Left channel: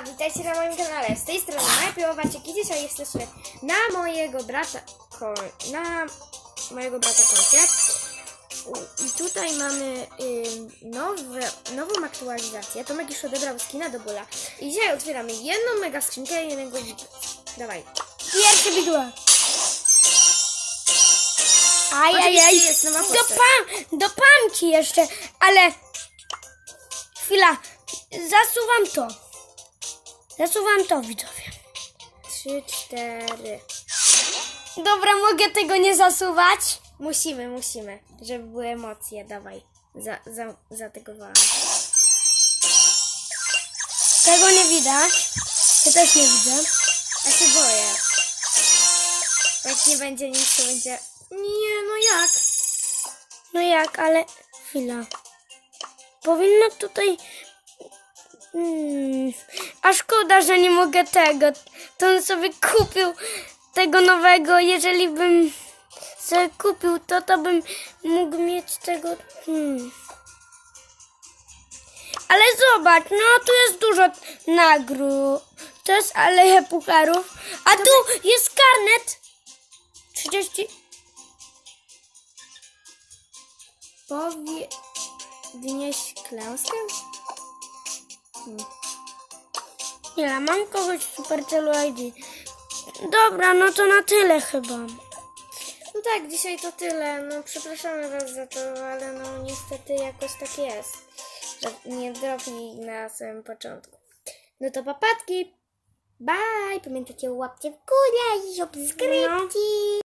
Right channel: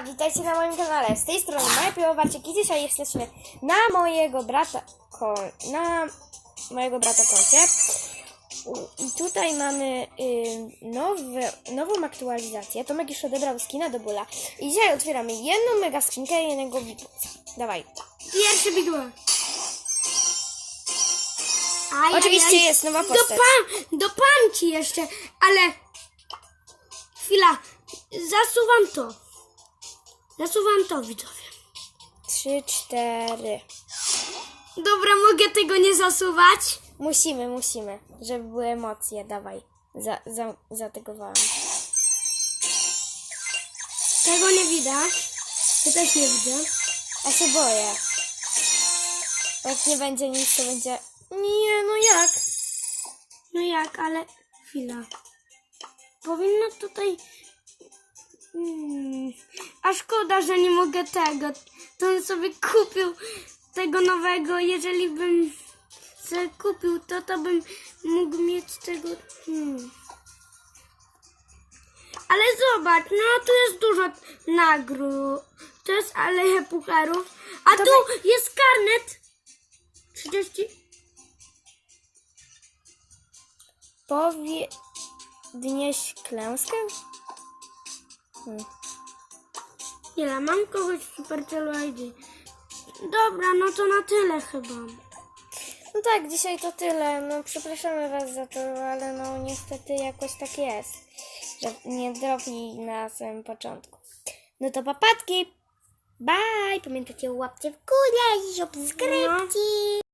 Witajcie na moim kanale. Z tej strony najpierw Kitty, a jesteśmy na mojego brata, ko, na mojego brata koncie. I tutaj mamy y, nowe, nową aktualizację. Tomek już odebrał skina do bóla. I dzisiaj otwieramy jedną mega skrzynkę i jednego widelca. Dawaj. Pierwszy Big One. Ajajaj. Oczywiście jest nowa postać. Dopam, dopam ci jeszcze, ale chwila, zasuwam to. Zasuwam to, widzowie. Trzy, cztery. Dobra, mogę tego nie zasuwać? Musimy, musimy, żeby były emocje. Dawaj. Za, za, zategowałam. Tego nie widać. Ja też nie widzę. A się boję. Jak nie będzie nic, to będzie... Nie, no jak? No jak, ale chwila. Powinno tutaj... Hmm. A szkoda, że nie mogę tego. To bym sobie kupił tego nowego. Jeżeli bym sobie kupił to, to bym mógł mieć tego... Hmm. Ale zobacz, no tu jest dużo nagród. To jest aleja pucharów. A tu jest karnet. 30... Powie... Wnieść klęskę? Hmm. Mam kogoś w Supercelu ID. Dobra, no to na tyle chyba. No tak, dzisiaj to tyle. No przepraszamy was za to, ale no niestety jakoś tak jest. Że nie dropi na samym początku. No to papatki! Bye! Pamiętajcie, łapcie w górę i subskrypcji!